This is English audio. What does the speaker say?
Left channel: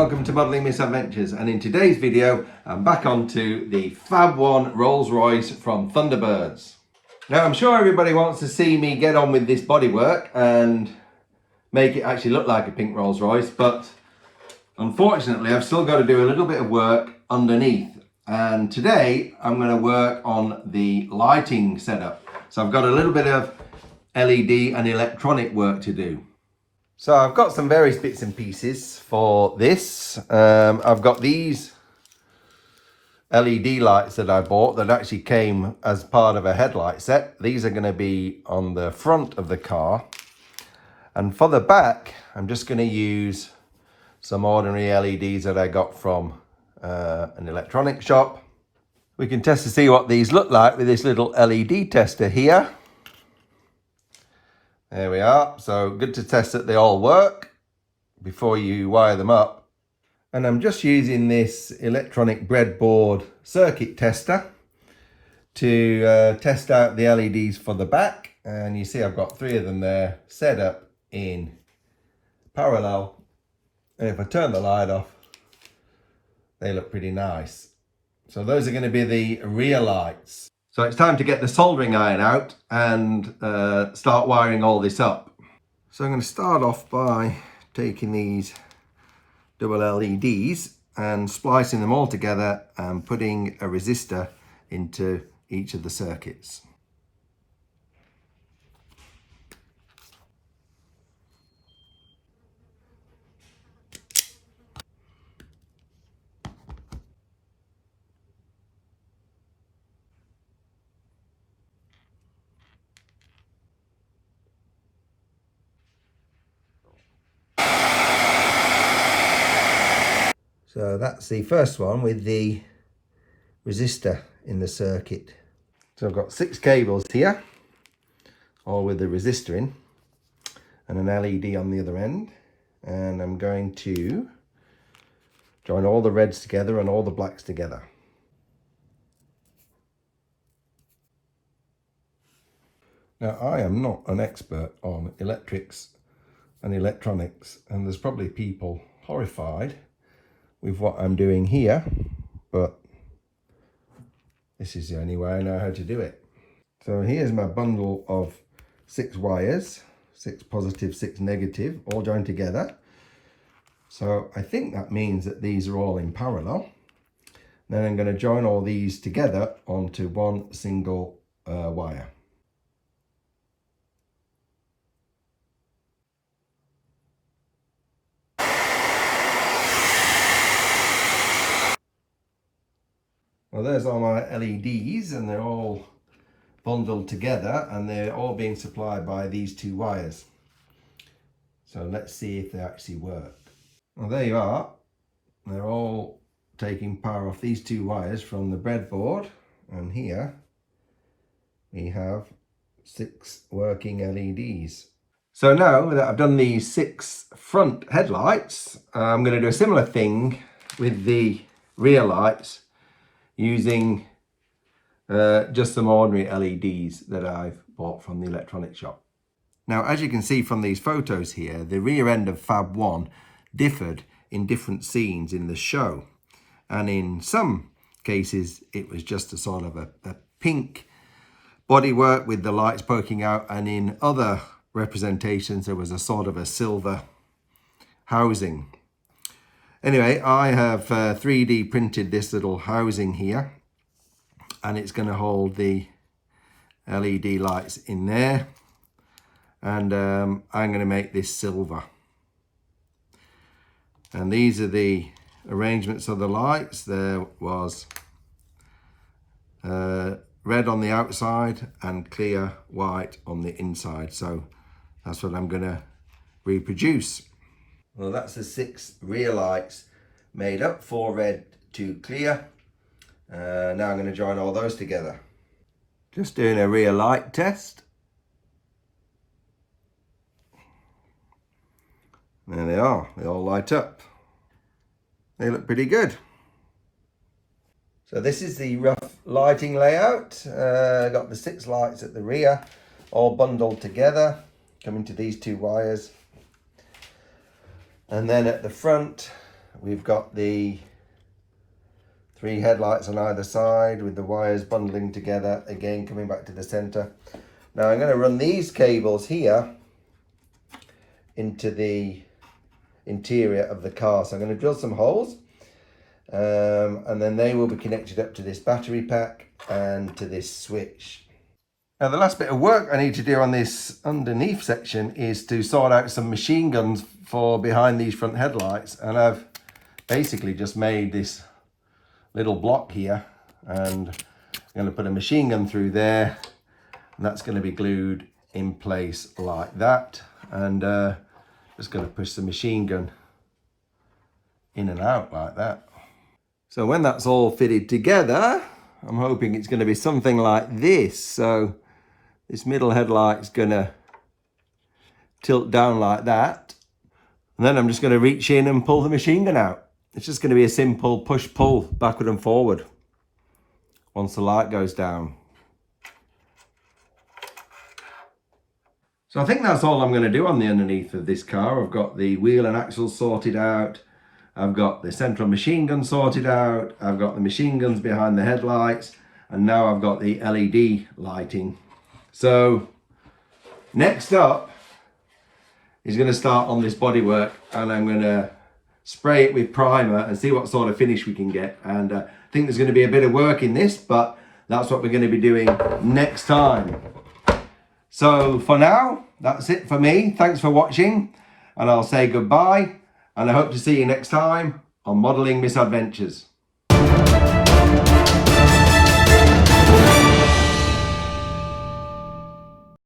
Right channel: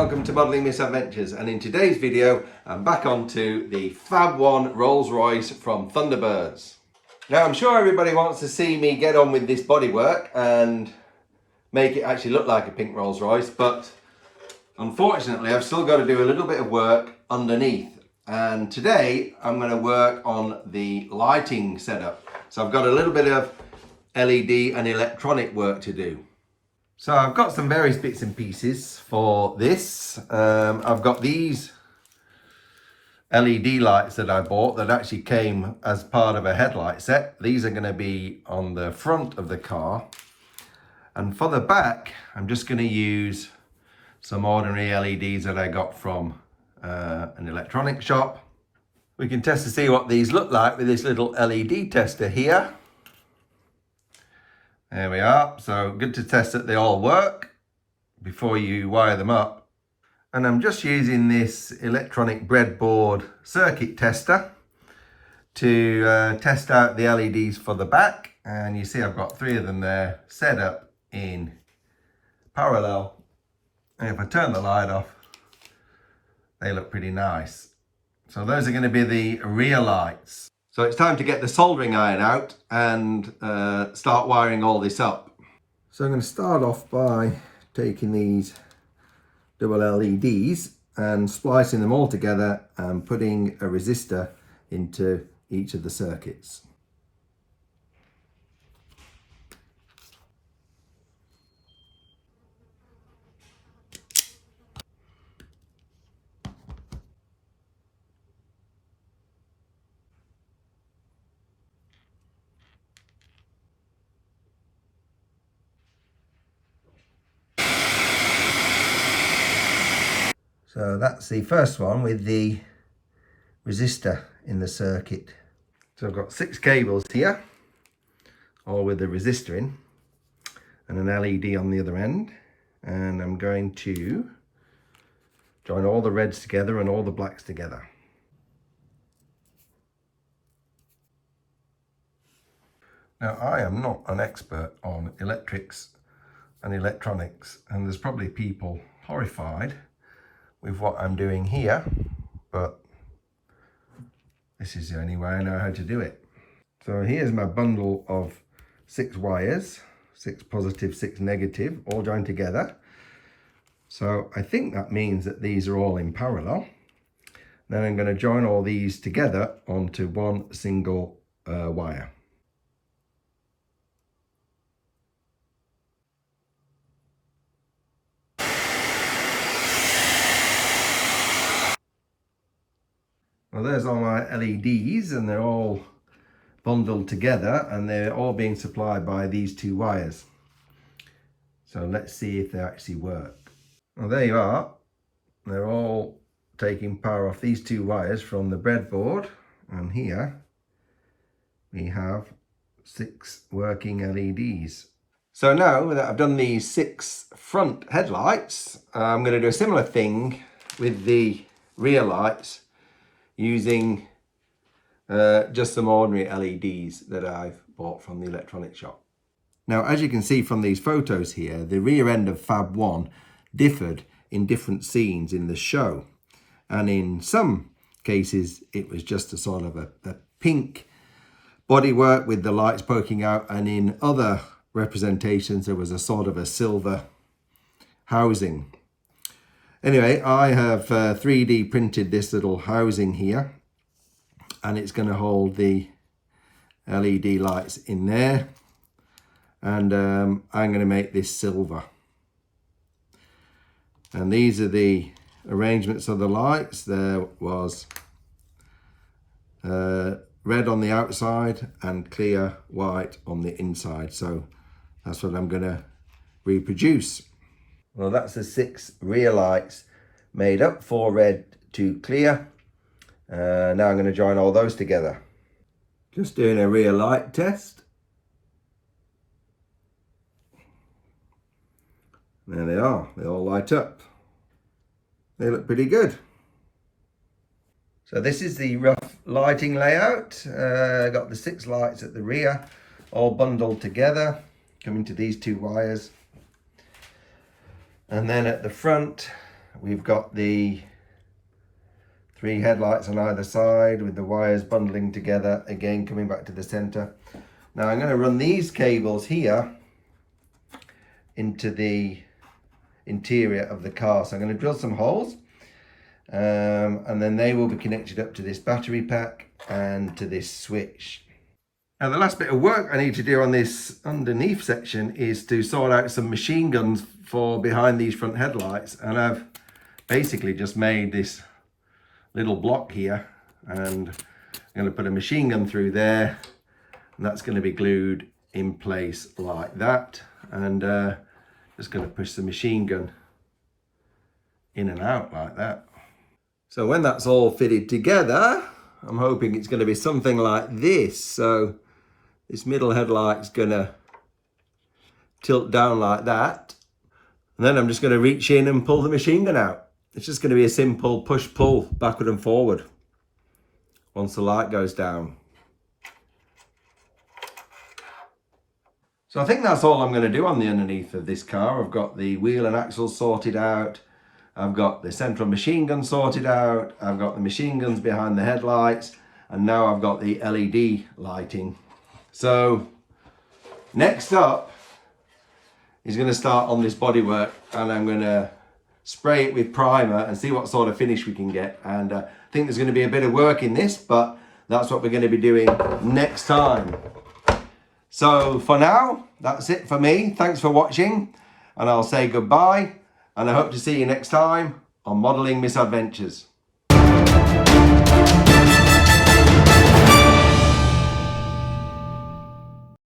welcome to Modelling Misadventures, and in today's video I'm back onto the FAB1 Rolls Royce from Thunderbirds. Now I'm sure everybody wants to see me get on with this bodywork and make it actually look like a pink Rolls Royce, but unfortunately I've still got to do a little bit of work underneath, and today I'm going to work on the lighting setup. So I've got a little bit of LED and electronic work to do. So I've got some various bits and pieces for this. I've got these LED lights that I bought that actually came as part of a headlight set. These are going to be on the front of the car. And for the back, I'm just going to use some ordinary LEDs that I got from an electronics shop. We can test to see what these look like with this little LED tester here. There we are. So good to test that they all work before you wire them up. And I'm just using this electronic breadboard circuit tester to test out the LEDs for the back. And you see I've got 3 of them there set up in parallel. And if I turn the light off, they look pretty nice. So those are going to be the rear lights. So it's time to get the soldering iron out and start wiring all this up. So I'm going to start off by taking these double LEDs and splicing them all together and putting a resistor into each of the circuits. So that's the first one with the resistor in the circuit. So I've got 6 cables here, all with the resistor in, and an LED on the other end. And I'm going to join all the reds together and all the blacks together. Now I am not an expert on electrics and electronics, and there's probably people horrified with what I'm doing here, but this is the only way I know how to do it. So here's my bundle of 6 wires, 6 positive, 6 negative, all joined together. So I think that means that these are all in parallel. Then I'm going to join all these together onto one single wire. Well, there's all my LEDs, and they're all bundled together, and they're all being supplied by these 2 wires. So let's see if they actually work. Well, there you are. They're all taking power off these 2 wires from the breadboard, and here we have 6 working LEDs. So now that I've done these 6 front headlights, I'm going to do a similar thing with the rear lights, using just some ordinary LEDs that I've bought from the electronics shop. Now, as you can see from these photos here, the rear end of FAB1 differed in different scenes in the show. And in some cases, it was just a sort of a pink bodywork with the lights poking out. And in other representations, there was a sort of a silver housing. Anyway, I have 3D printed this little housing here, and it's going to hold the LED lights in there, and I'm going to make this silver. And these are the arrangements of the lights. There was red on the outside and clear white on the inside, so that's what I'm going to reproduce. Well, that's the 6 rear lights made up, 4 red, 2 clear. Now I'm going to join all those together. Just doing a rear light test. There they are, they all light up. They look pretty good. So this is the rough lighting layout. Got the 6 lights at the rear, all bundled together, coming to these 2 wires. And then at the front, we've got the 3 headlights on either side with the wires bundling together, again coming back to the center. Now I'm going to run these cables here into the interior of the car. So I'm going to drill some holes, and then they will be connected up to this battery pack and to this switch. Now the last bit of work I need to do on this underneath section is to sort out some machine guns for behind these front headlights, and I've basically just made this little block here, and I'm going to put a machine gun through there, and that's going to be glued in place like that, and just going to push the machine gun in and out like that. So when that's all fitted together, I'm hoping it's going to be something like this. So this middle headlight's going to tilt down like that, and then I'm just going to reach in and pull the machine gun out. It's just going to be a simple push-pull backward and forward once the light goes down. So I think that's all I'm going to do on the underneath of this car. I've got the wheel and axles sorted out. I've got the central machine gun sorted out. I've got the machine guns behind the headlights. And now I've got the LED lighting. So next up is going to start on this bodywork, and I'm going to spray it with primer and see what sort of finish we can get. And I think there's going to be a bit of work in this, but that's what we're going to be doing next time. So for now, that's it for me. Thanks for watching, and I'll say goodbye, and I hope to see you next time on Modelling Misadventures.